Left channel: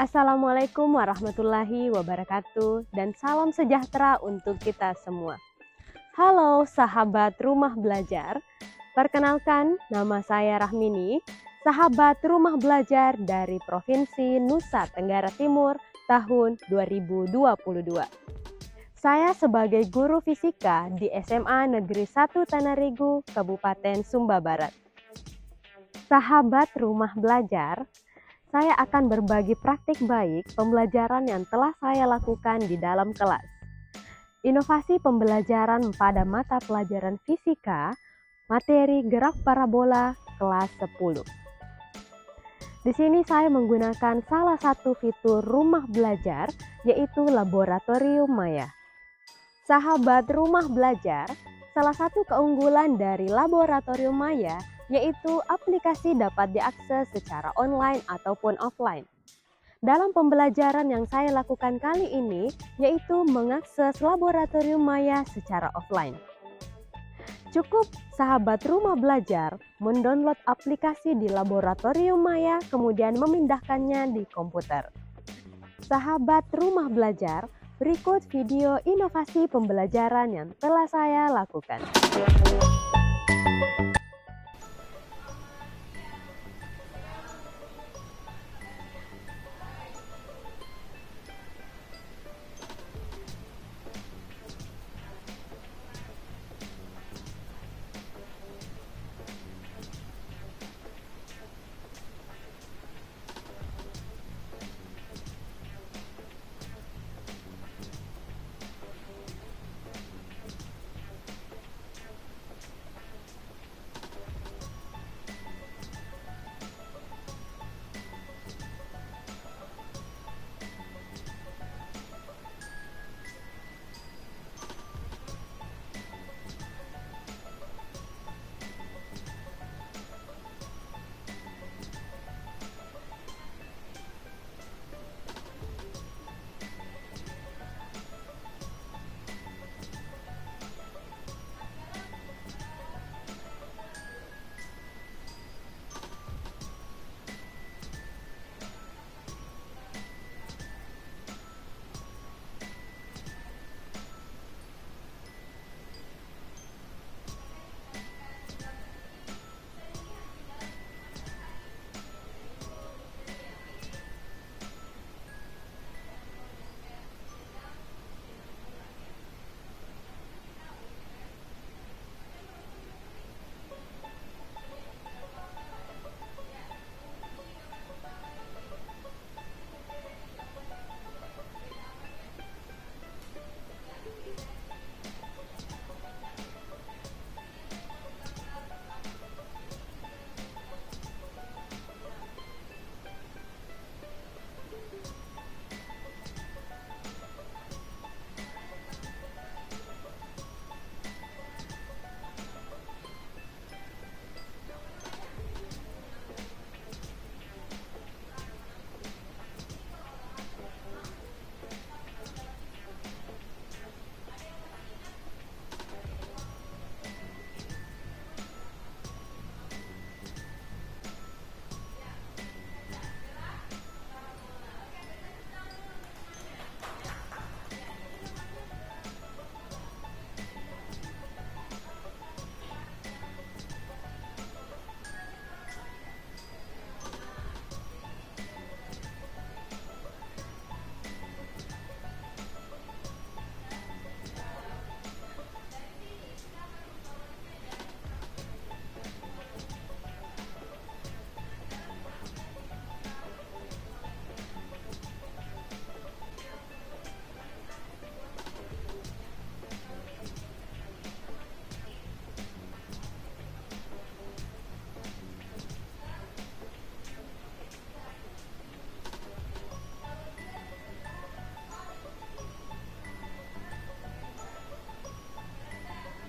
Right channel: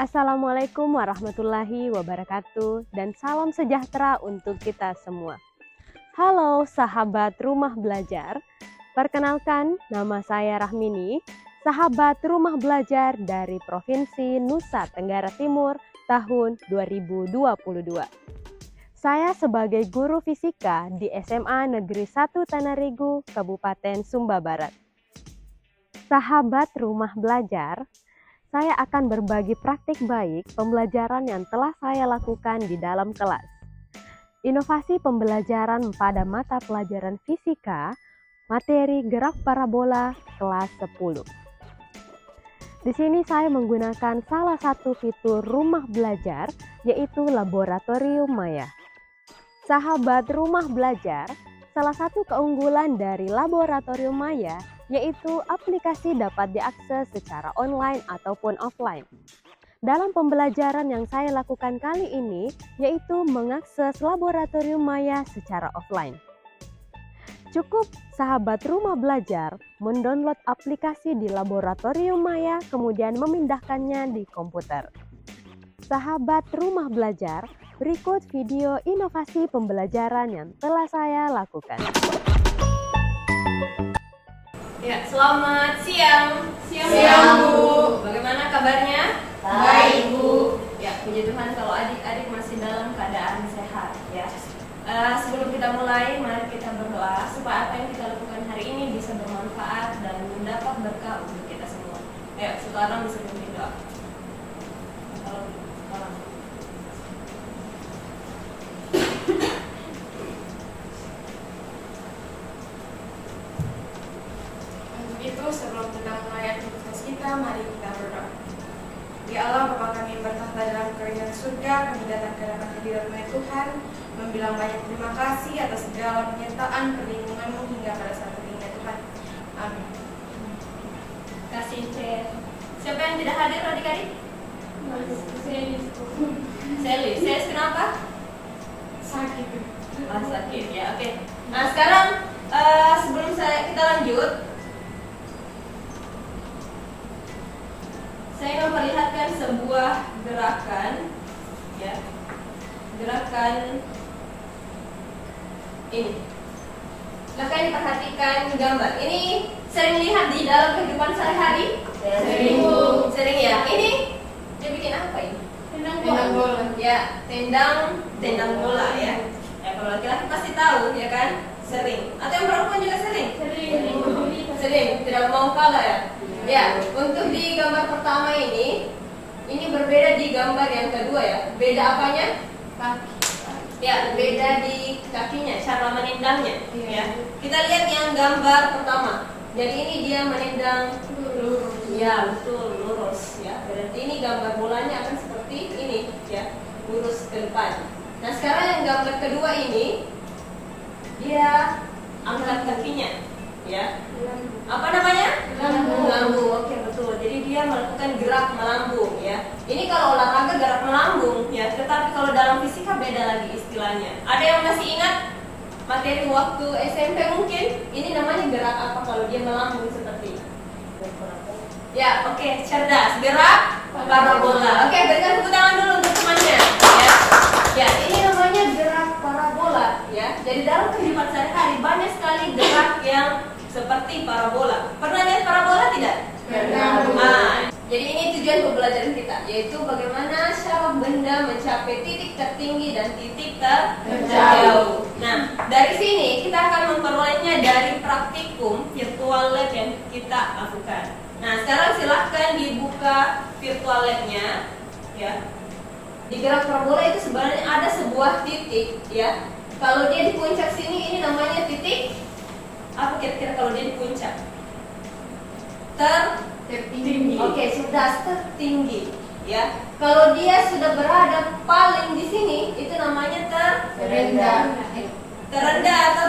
Assalamualaikum warahmatullahi wabarakatuh dan salam sejahtera untuk kita semua. Halo sahabat rumah belajar, perkenalkan nama saya Rahmini, sahabat rumah belajar dari Provinsi Nusa Tenggara Timur tahun 2022. Saya sebagai guru fisika di SMA Negeri 1 Tanarigu, Kabupaten Sumba Barat. Sahabat rumah belajar, saya akan berbagi praktik baik pembelajaran yang telah saya lakukan di dalam kelas. Inovasi pembelajaran pada mata pelajaran fisika, materi gerak parabola kelas 10. Di sini saya menggunakan salah satu fitur rumah belajar, yaitu laboratorium maya. Sahabat rumah belajar, salah satu keunggulan dari laboratorium maya yaitu aplikasi dapat diakses secara online ataupun offline. Dalam pembelajaran yang saya lakukan kali ini, yaitu mengakses laboratorium maya secara offline. Cukup sahabat rumah belajar mendownload aplikasi di laboratorium maya, kemudian memindahkannya di komputer. Sahabat rumah belajar, berikut video inovasi pembelajaran yang telah saya lakukan. Ya, selamat siang. Siang, Bu. Bagaimana kabarnya? Baik, Bu. Ya, puji Tuhan kalau adik-adik masih dalam keadaan sehat ya. Sebelum kita mulai, mari kita berdoa supaya apa yang kita lakukan hari ini bisa bermanfaat dan mendapat berkah untuk kita semua. Ayo, sekarang bisa berdoa. Sebelum kita mulai aktivitas kita, mari kita berdoa. Ya Allah, Bapa kami yang bertahta dalam kerajaan surga, kami datang ke hadapan hadirat Tuhan, membilang banyak terima kasih atas segala penyertaan perlindungan-Mu hingga pada saat ini, ya Tuhan. Amin. Kasih siapa yang tidak hadir adik-adik? Sally. Sally kenapa? Sakit. Sakit ya, oke. Nah sekarang sebelum kita lanjut, saya memperlihatkan sebuah gerakan, ya, gerakan ini. Silahkan diperhatikan gambar. Ini sering lihat di dalam kehidupan sehari-hari? Sering. Sering ya. Ini dia bikin apa ini? Tendang bola. Ya, tendang bola ya. Ya kalau laki-laki pasti tahu ya kan? Sering. Atau yang perempuan juga sering? Sering. Tidak mau kalah ya. Ya, untuk di gambar pertama ini berbeda di gambar yang kedua ya. Beda apanya? Kaki. Ya, beda di kakinya, cara menendangnya. Iya. Ya. Kita lihat yang gambar pertama. Jadi ini dia menendang lurus. Ya, betul, lurus ya. Berarti ini gambar bolanya akan seperti ini ya, lurus ke depan. Nah, sekarang yang gambar kedua ini dia angkat kakinya ya. Apa namanya? Melambung. Oke, betul. Jadi dia melakukan gerak melambung ya. Ini kalau olahraga gerak melambung ya, tetapi kalau dalam fisika beda lagi istilahnya. Ada yang masih ingat materi waktu SMP mungkin? Ini namanya gerak apa kalau dia melambung seperti ini? Ya, oke, cerdas. Gerak parabola. Oke, berikan tepuk tangan dulu untuk temannya ya. Ya, ini namanya gerak parabola ya. Jadi dalam kehidupan sehari-hari banyak sekali gerak yang seperti parabola. Pernah lihat parabola tidak? Pernah. Jadi ini tujuan pembelajaran kita, yaitu bagaimana cara benda mencapai titik tertinggi dan titik terjauh. Nah, dari sini kita akan memperolehnya dari praktikum virtual lab yang kita lakukan. Nah, sekarang silahkan dibuka virtual lab-nya, ya. Di gerak parabola itu sebenarnya ada sebuah titik, ya. Kalau dia di puncak sini, ini namanya titik. Apa kira-kira kalau dia di puncak? Tertinggi. Oke, sudah tertinggi, ya. Kalau dia sudah berada paling di sini, itu namanya Terendah. terendah atau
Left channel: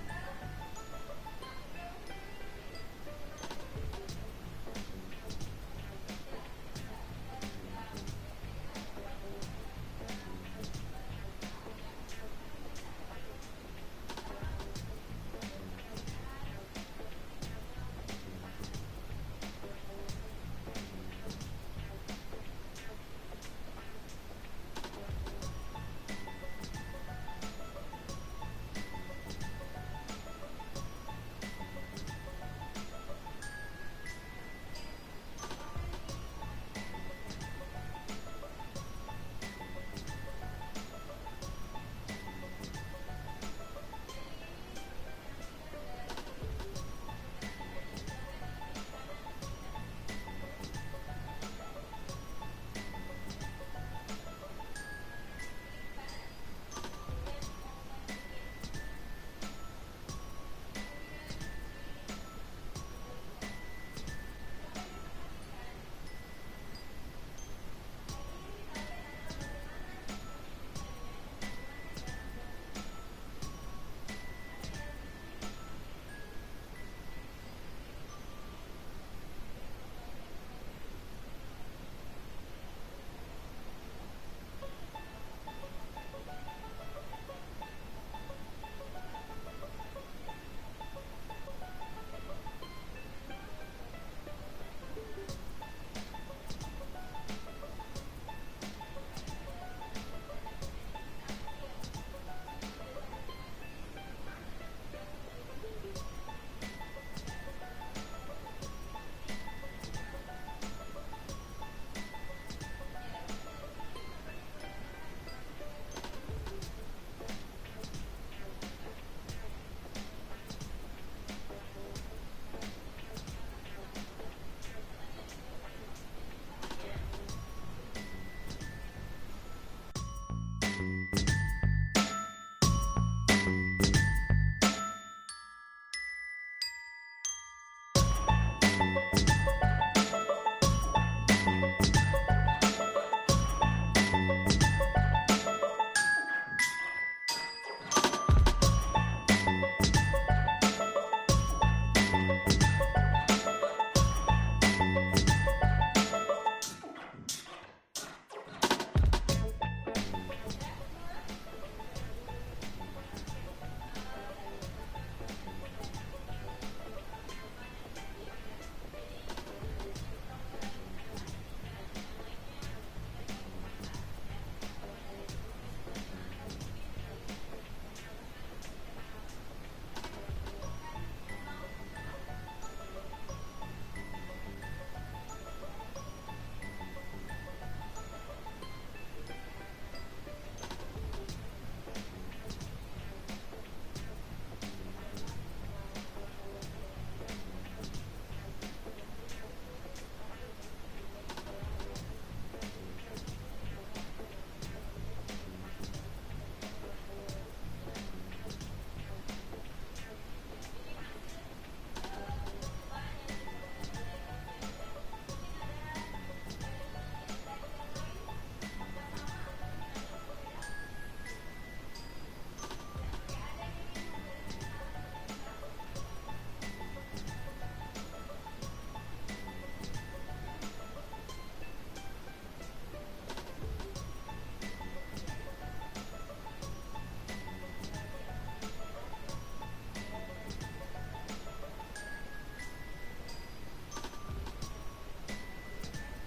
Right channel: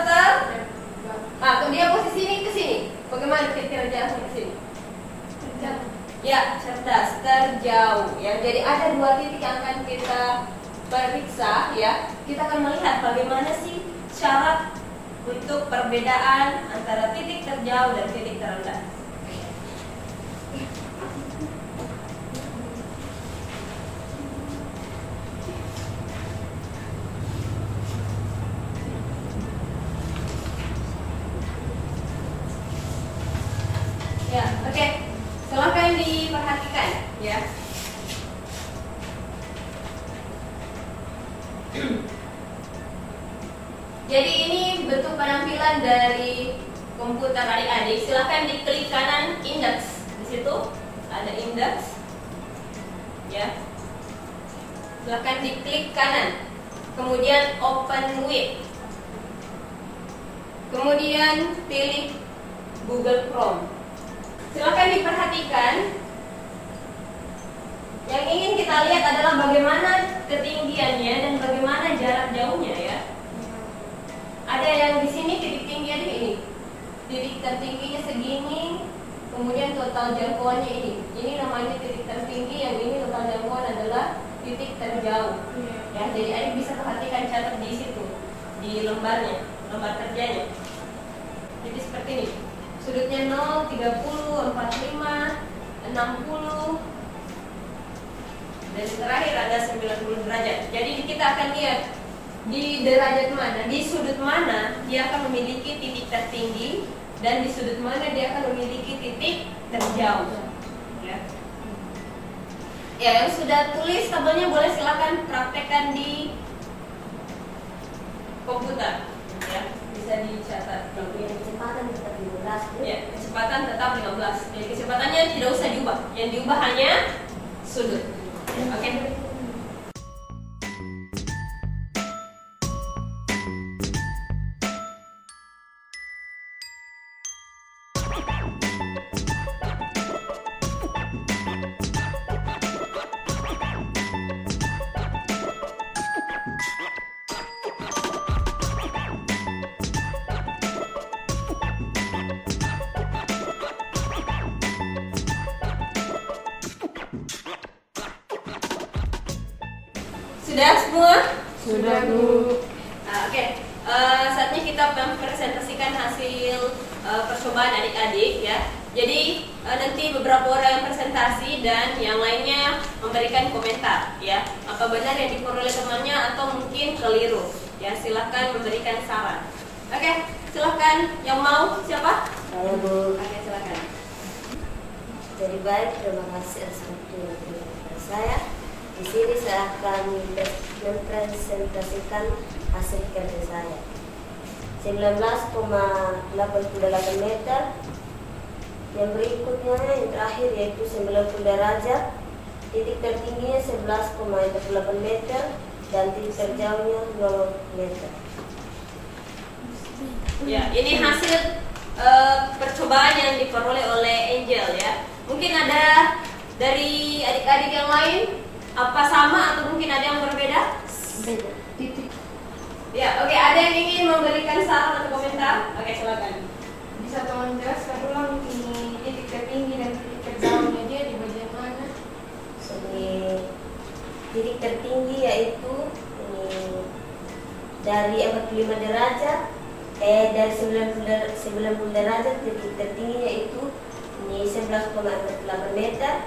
kalau dia posisi ini ke sini, bagaimana kira-kira jaraknya ke sini? Ya, cerdas, terjauh, ya. Jadi ada dua titik yang akan kita periksa, ya. Kita akan melihat bagaimana sih syarat untuk perbedaan antara titik terjauh dan titik terendah. ya. Jadi ini bentuk penampilan dari komputer adik-adik. Silahkan diklik kanan index. Di situ ada index, ya. Silahkan diklik kanan. Kemudian open with. Kemudian pilih Google Chrome. Silahkan diperhatikan. Yang ingin kita lihat adalah bagaimana ketinggiannya dan bagaimana jarak jauhnya, ya. Ada yang di sini titik tingginya ini, titik tertingginya segini, kemudian total jangkauannya ini. Ini namanya titik tertinggi, yang ini total jangkauan adalah titik terjauh. Ya, jadi adik bisa perhatikan, catat di situ, di lembarnya, lembar kerjanya. Jadi seperti ini, sudutnya 0, 30, 45, 60, dan terakhir ada 90 derajat. Jadi kita akan lihat di derajat mana, di sudut mana dia akan memiliki titik tertinggi, dan di sudut mana dia akan memiliki titik terjauh. Ya, yang sudah tulis tabelnya boleh silakan praktekkan di komputer. Ya, bisa dicatat. Kecepatan tetap 15. Ya, kecepatan tetap 15. Jadi kecepatannya tidak usah diubah. Yang diubah hanya sudut. Oke. Sudah semua? Sudah, Bu. Oke. Saatnya kita mempresentasikan hasil percobaan adik-adik, ya. Jadi nanti beberapa orang yang presentasi dan yang lainnya memberikan komentar, ya. Apa benar yang diperoleh temannya atau mungkin keliru? Ya, silahkan memberikan saran. Oke, silahkan yang mau, siapa? Saya, Bu. Oke, silahkan. Jadi baik, terima kasih atas waktu yang diberikan saya. Di sini saya akan mempresentasikan hasil kerja saya. 19,88 meter. Yang berikutnya yang terakhir yaitu 90 derajat. Titik tertingginya 11,48 meter dan titik terjauhnya 0 meter. Ya, ini hasil percobaan yang diperoleh oleh Angel, ya. Mungkin ada dari adik-adik yang lain, apa sama atau mungkin ada yang berbeda? Beda. Titik. Ya, oke. Ada yang ingin memberikan saran atau komentar? Oke, silakan. Bisa tolong jelaskan ulang ini titik tertinggi dan titik terjauhnya dia di bagian mana? Jadi titik tertinggi yaitu dari 45 derajat dari 90 derajat. Titik tertinggi yaitu ini 11,48 meter.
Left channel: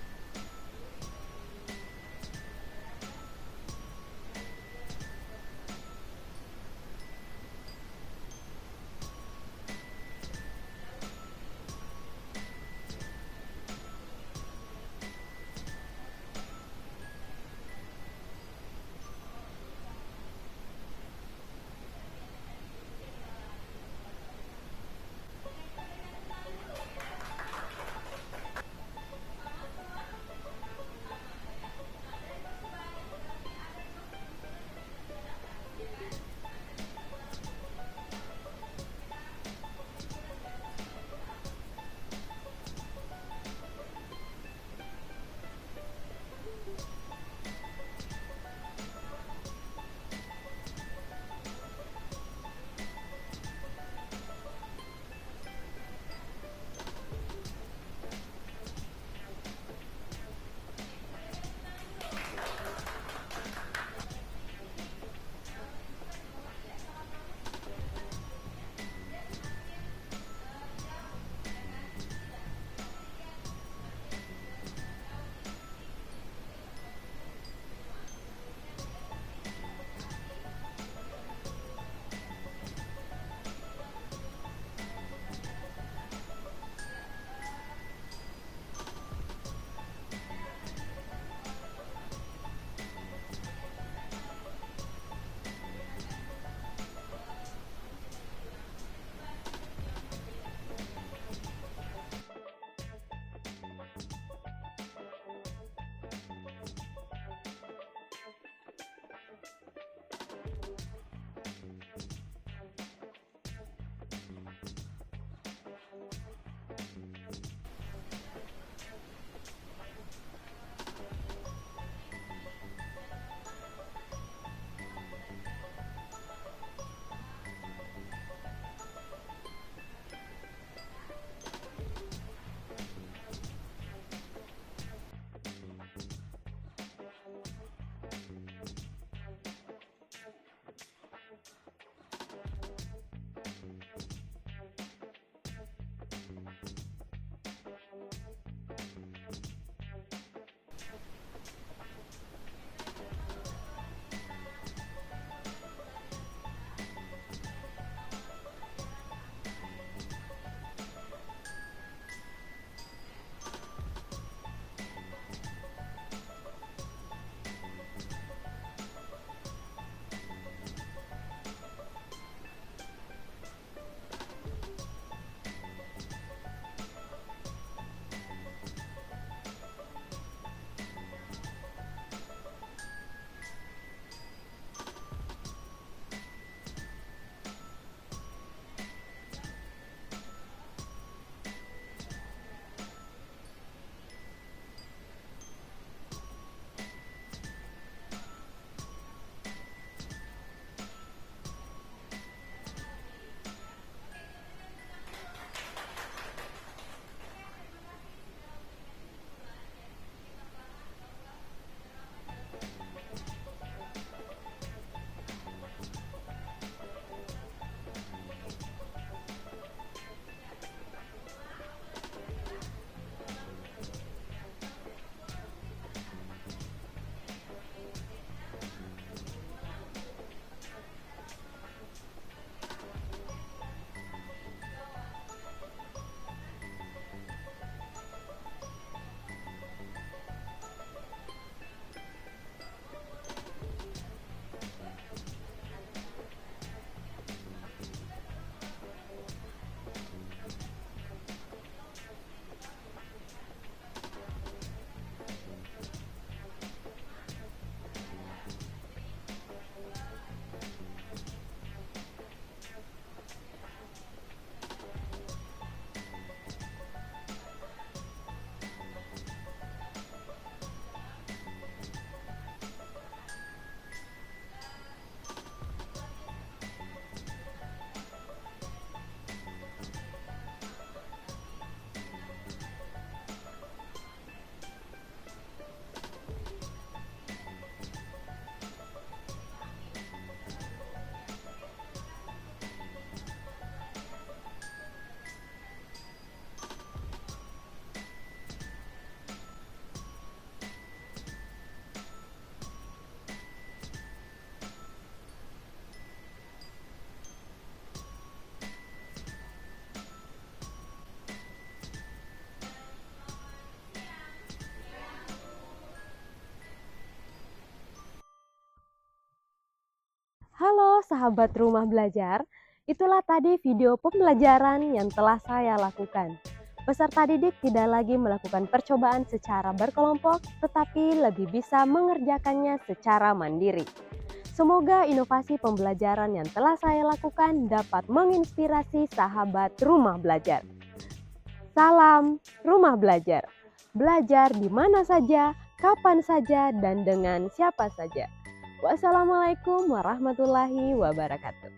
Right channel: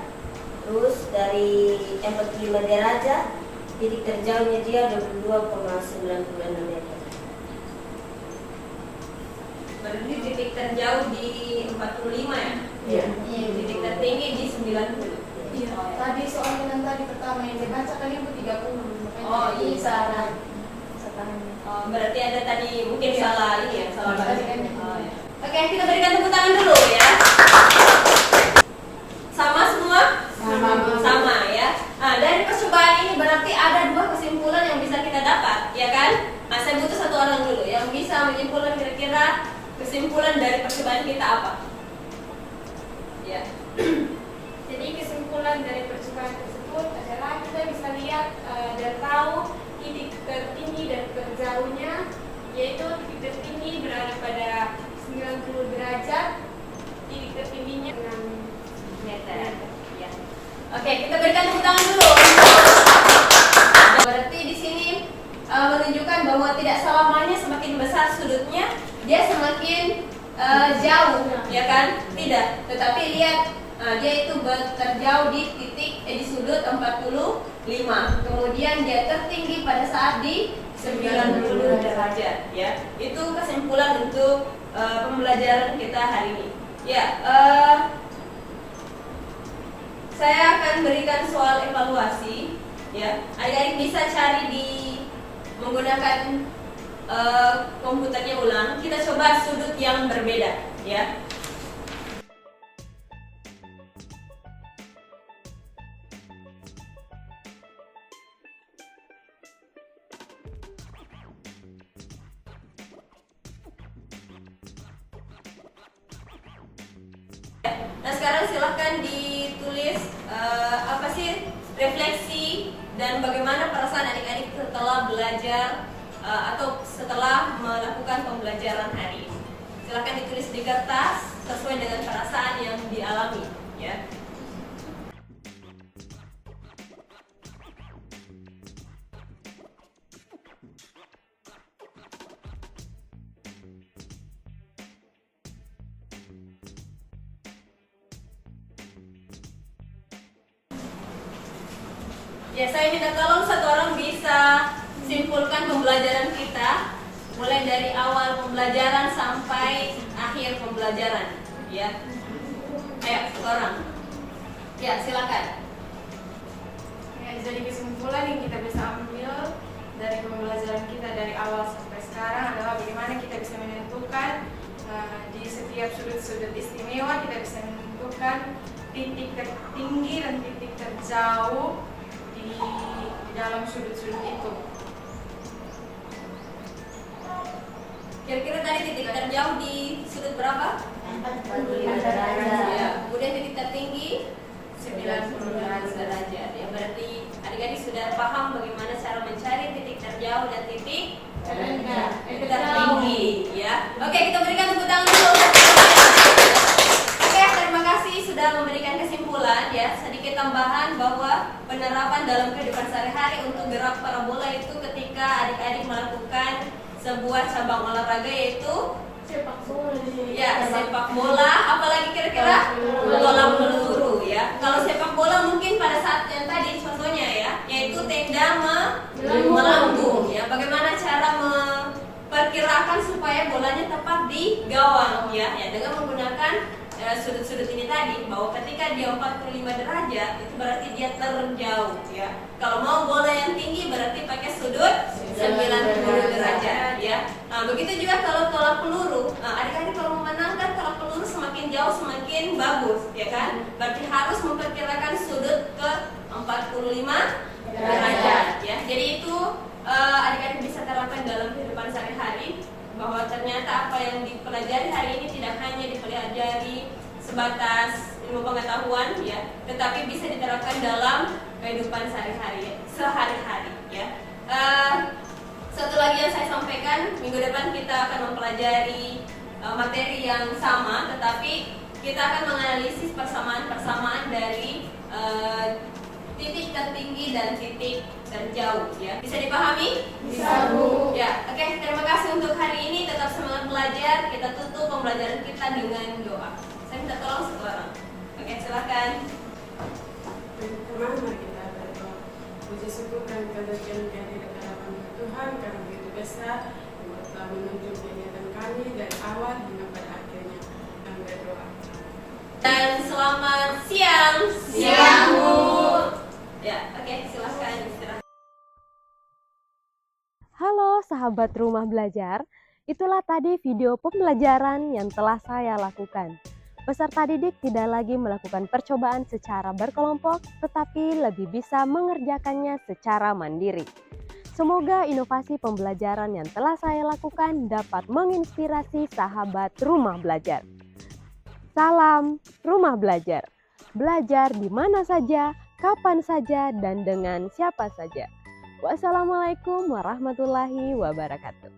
Terus dari 45 derajat titik terjauhnya dia 22,96 meter. Berarti titik terjauh di 45, ya? Iya. Titik tertinggi di 90. Iya. Oh, ya. Tadi soalnya yang tadi pertama yang dibaca kan itu 30. Oh, iya. Ini salah. Setahun. Oh, berarti ada tadi mungkin Iya. salah ini, ya, salah Tadi baca. kan. Oh, ya. Oke, kita berikan tepuk tangan dulu, ya. Sama semua? Sama, ya. Nah, dari percobaan ini berarti ada dua kesimpulan yang bisa kita dapat, ya kan? Nah, saya butuh satu orang dulu yang bisa menyimpulkan kira-kira kesimpulan dari percobaan kita apa? Ya. Jadi kesimpulan dari percobaan tersebut adalah kita bisa lihat dan tahu titik tertinggi dan terjauhnya, yaitu titik tertinggi berada pada 90 derajat, titik tertingginya 6 Meter. Ya. Oke, kita berikan tepuk tangan dulu. Berarti di sini menunjukkan bahwa tidak selamanya semakin besar sudutnya dia semakin jauh, ya kan? Tidak. Tetapi lihat, dia itu terjauh di titik di sudut 45. Kemudian dia tertinggi pada saat di 90 derajat, ya. Itu kesimpulan untuk pembelajaran kita hari ini. Ya, saya akan berikan soal evaluasi, ya. Adik-adik bisa cari di menggunakan komputernya ulang. Kita coba sudut yang berbeda, ya. Nah, sekarang silahkan ditulis apa sih refleksi dan bagaimana perasaan adik-adik setelah belajar atau setelah melakukan pembelajaran hari ini. Silahkan ditulis di kertas sesuai dengan perasaan yang dialami, ya. Ya, saya minta tolong satu orang bisa simpulkan pembelajaran kita mulai dari awal pembelajaran sampai akhir pembelajaran, ya. Ayo, satu orang. Ya, silakan. Ya, jadi kesimpulan yang kita bisa ambil dari pembelajaran kita dari awal sampai sekarang adalah bagaimana kita bisa menentukan di setiap sudut-sudut istimewa, kita bisa menentukan titik tertinggi dan titik terjauh di dalam sudut-sudut itu. Kira-kira tadi titik terjauh di sudut berapa? 45 derajat. Ya, kemudian titik tertinggi 90 derajat. Ya, berarti adik-adik sudah paham bagaimana cara mencari titik terjauh dan titik tertinggi, ya. Oke, kita berikan tepuk tangan dulu. Oke, terima kasih sudah memberikan kesimpulan, ya. Sedikit tambahan bahwa penerapan dalam kehidupan sehari-hari untuk gerak parabola itu ketika adik-adik melakukan sebuah cabang olahraga yaitu Sepak bola. ya, sepak bola, apalagi kira-kira bola peluru, ya. Kalau sepak bola mungkin pada saat yang tadi contohnya, ya, yaitu tenda melambung, ya. Bagaimana cara memperkirakan supaya bolanya tepat di gawang, ya, dengan menggunakan sudut-sudut ini tadi, bahwa ketika dia 45 derajat itu berarti dia terjauh, ya. Kalau mau bola yang tinggi berarti pakai sudut 90 derajat, ya. Nah, begitu juga kalau tolak peluru. Nah, adik-adik kalau memenangkan tolak peluru semakin jauh semakin bagus, ya kan? Berarti harus memperkirakan sudut ke 45 derajat, ya. Jadi itu adik-adik bisa terapkan dalam kehidupan sehari-hari, bahwa ternyata apa yang dipelajari hari ini tidak hanya dipelajari sebatas ilmu pengetahuan, ya, tetapi bisa diterapkan dalam kehidupan sehari-hari, ya. Satu lagi yang saya sampaikan, minggu depan kita akan mempelajari materi yang sama, tetapi kita akan menganalisis persamaan-persamaan dari titik tertinggi dan titik terjauh, ya. Bisa dipahami? Bisa, Bu. Ya, oke. Terima kasih untuk hari ini. Tetap semangat belajar. Kita tutup pembelajaran kita dengan doa. Saya minta tolong satu orang. Oke, silakan. Mari kita berdoa. Puji syukur dan kemuliaan kehadirat Tuhan karena begitu besar yang telah menunjuk kegiatan kami dari awal hingga pada akhirnya. Kami berdoa. Dan selamat siang. Siang, Bu. Ya, oke, silakan istirahat. Halo sahabat rumah belajar, itulah tadi video pembelajaran yang telah saya lakukan. Peserta didik tidak lagi melakukan percobaan secara berkelompok, tetapi lebih bisa mengerjakannya secara mandiri. Semoga inovasi pembelajaran yang telah saya lakukan dapat menginspirasi sahabat rumah belajar. Salam rumah belajar. Belajar di mana saja, kapan saja, dan dengan siapa saja. Wassalamualaikum warahmatullahi wabarakatuh.